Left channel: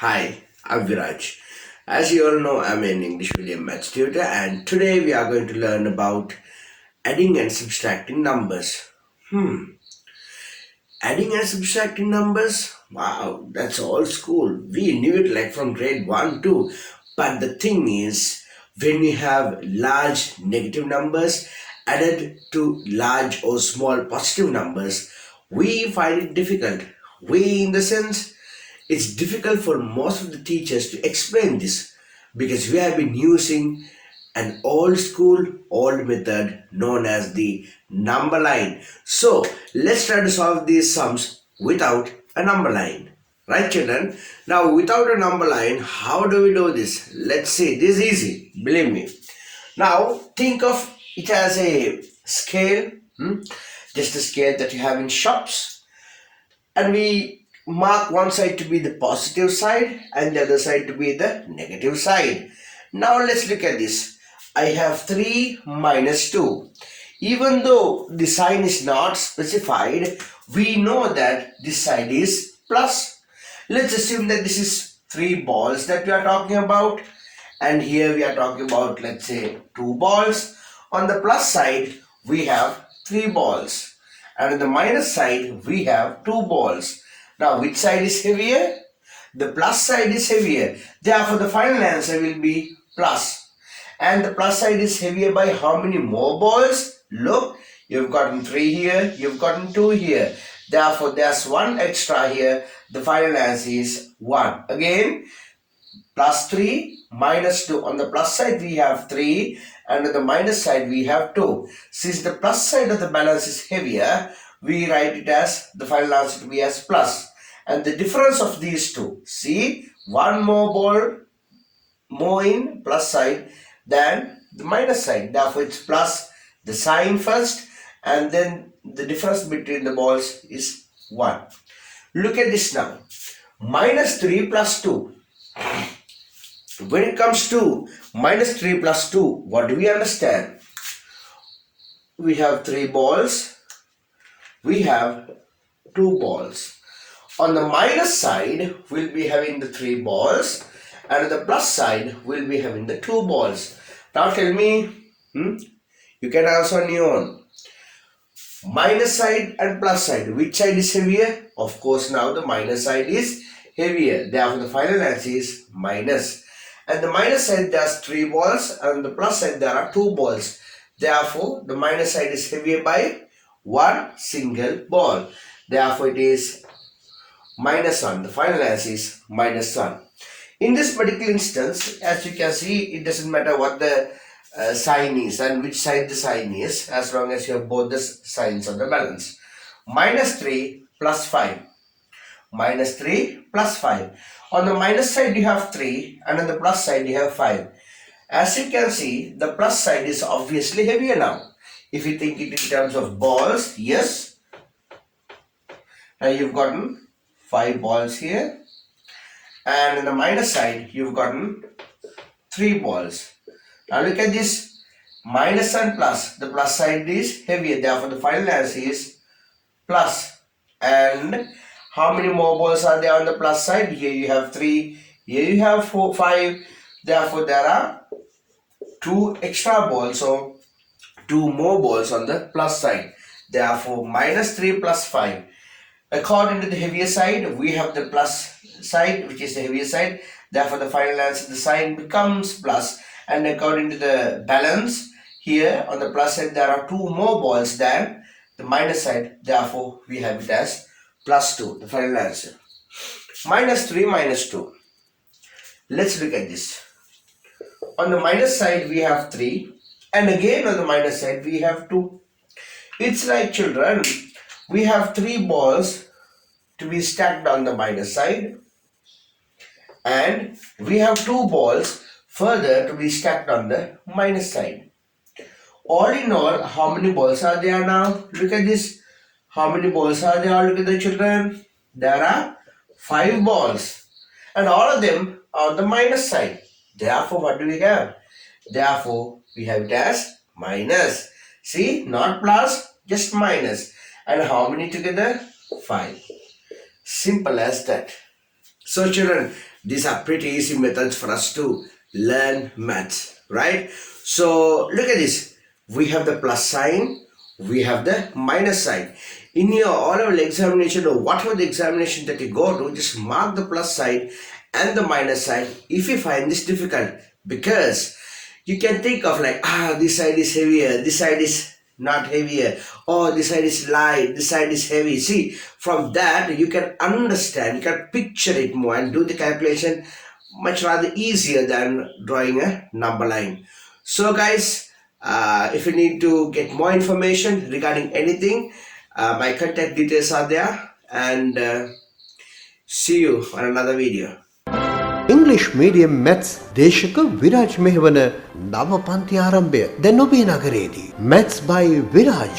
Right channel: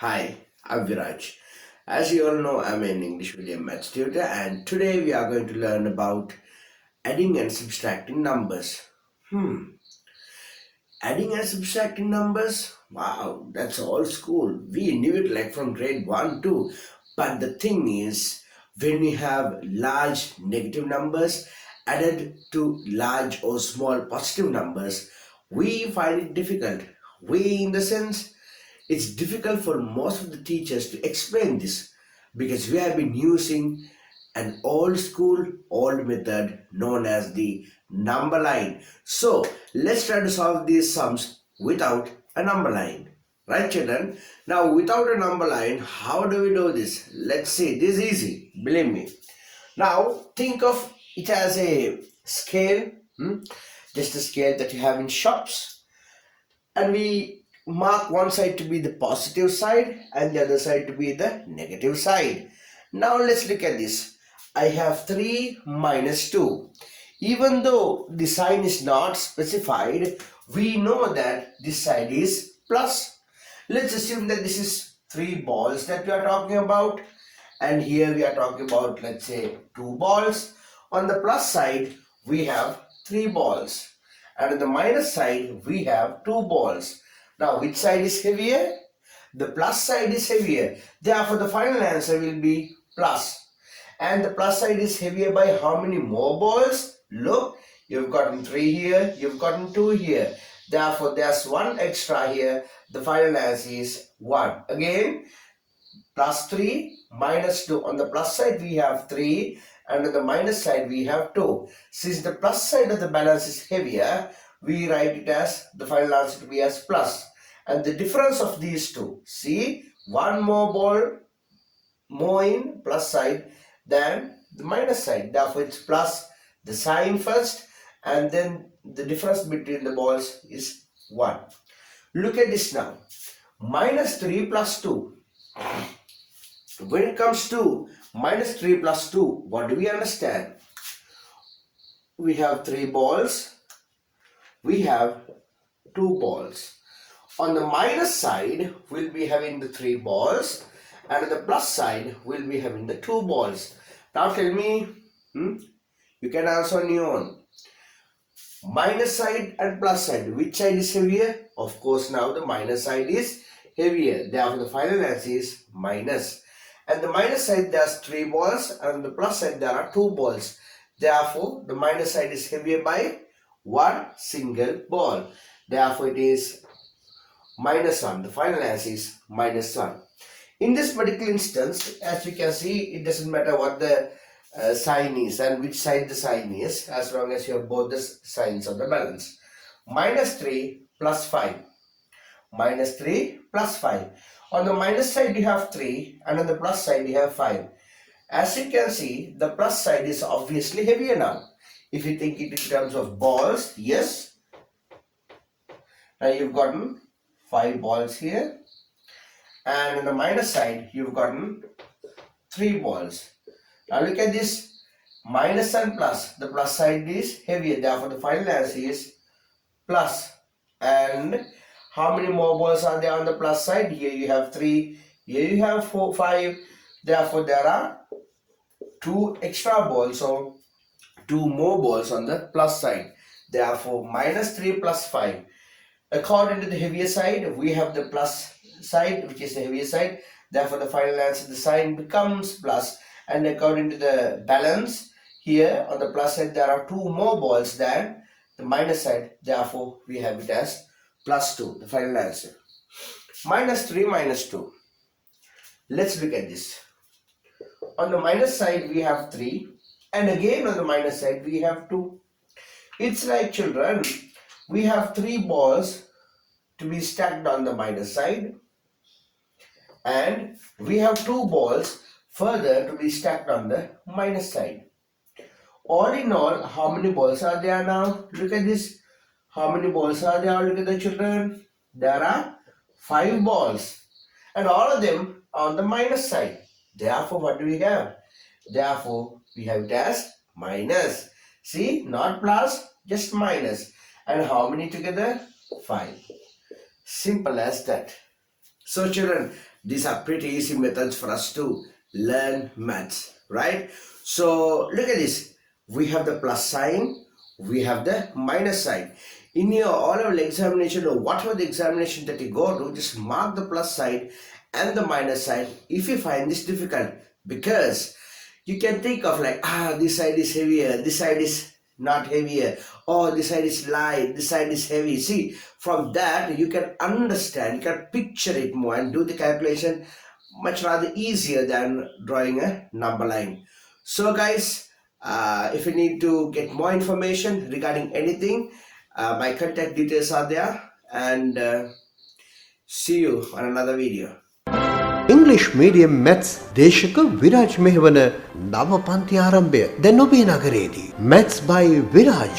Hi, I'm Viraj. As you all know, I'm an English medium maths tutor, and today we are going to learn about adding and subtracting numbers. Adding and subtracting numbers? Wow, that's old school. We knew it like from grade 1 too. But the thing is, when we have large negative numbers added to large or small positive numbers, we find it difficult. We, in the sense, it's difficult for most of the teachers to explain this because we have been using an old school, old method known as the number line. So let's try to solve these sums without a number line. Right, children? Now, without a number line, how do we do this? Let's see. This is easy, believe me. Now, think of it as a scale, just a scale that you have in shops, and we mark one side to be the positive side and the other side to be the negative side. Now let's look at this. I have 3 minus 2. Even though the sign is not specified, we know that this side is plus. Let's assume that this is 3 balls that we are talking about, and here we are talking about, let's say, 2 balls. On the plus side we have 3 balls, and on the minus side we have 2 balls. Now which side is heavier? The plus side is heavier. Therefore the final answer will be plus. And the plus side is heavier by how many more balls? Look, you've gotten 3 here, you've gotten 2 here. Therefore there's 1 extra here. The final answer is 1. Again, plus 3 minus 2. On the plus side we have 3 and on the minus side we have 2. Since the plus side of the balance is heavier, we write it as the final answer to be as plus. And the difference of these two, see, 1 more ball more in plus side than the minus side. Therefore it's plus the sign first and then the difference between the balls is 1. Look at this now. Minus 3 plus 2. When it comes to minus 3 plus 2, what do we understand? We have 3 balls. We have 2 balls. On the minus side, we'll be having the 3 balls. And on the plus side, we'll be having the 2 balls. Now tell me, you can answer on your own. Minus side and plus side, which side is heavier? Of course, now the minus side is heavier. Therefore, the final answer is minus. And the minus side there's 3 balls and on the plus side there are 2 balls. Therefore, the minus side is heavier by 1 single ball. Therefore, it is minus 1. The final answer is minus 1. In this particular instance, as you can see, it doesn't matter what the sign is and which side the sign is, as long as you have both the signs on the balance. Minus 3 plus 5. Minus 3 plus 5. On the minus side you have 3 and on the plus side you have 5. As you can see, the plus side is obviously heavier now. If you think it in terms of balls, yes. Now you've gotten 5 balls here. And on the minus side you've gotten 3 balls. Now look at this, minus and plus. The plus side is heavier. Therefore the final answer is plus. And how many more balls are there on the plus side? Here you have 3. Here you have 5. Therefore there are 2 extra balls. So 2 more balls on the plus side. Therefore minus 3 plus 5. According to the heavier side, we have the plus side, which is the heavier side. Therefore the final answer, the sign becomes plus. And according to the balance, here on the plus side there are 2 more balls than the minus side. Therefore we have it as plus 2, the final answer. Minus 3 minus 2. Let's look at this. On the minus side we have 3 and again on the minus side we have 2. It's like, children, we have 3 balls to be stacked on the minus side and we have 2 balls further to be stacked on the minus side. All in all, how many balls are there now? Look at this. How many balls are there altogether, children? There are 5 balls and all of them are on the minus side. Therefore, what do we have? Therefore, we have it as minus. See, not plus, just minus. And how many together? 5. Simple as that. So children, These are pretty easy methods for us to learn maths, right? So look at this. We have the plus sign, we have the minus sign. In your oral examination or whatever the examination that you go to, just mark the plus side and the minus side if you find this difficult, because you can think of like, this side is heavier, this side is not heavier, or this side is light, this side is heavy. See, from that you can understand, you can picture it more and do the calculation much rather easier than drawing a number line. So guys, if you need to get more information regarding anything, my contact details are there, and see you on another video. English medium maths දේශක Viraj මෙහෙවන නව පන්ති ආරම්භය දැන් ඔබේ නගරයේදී. Maths by Viraj.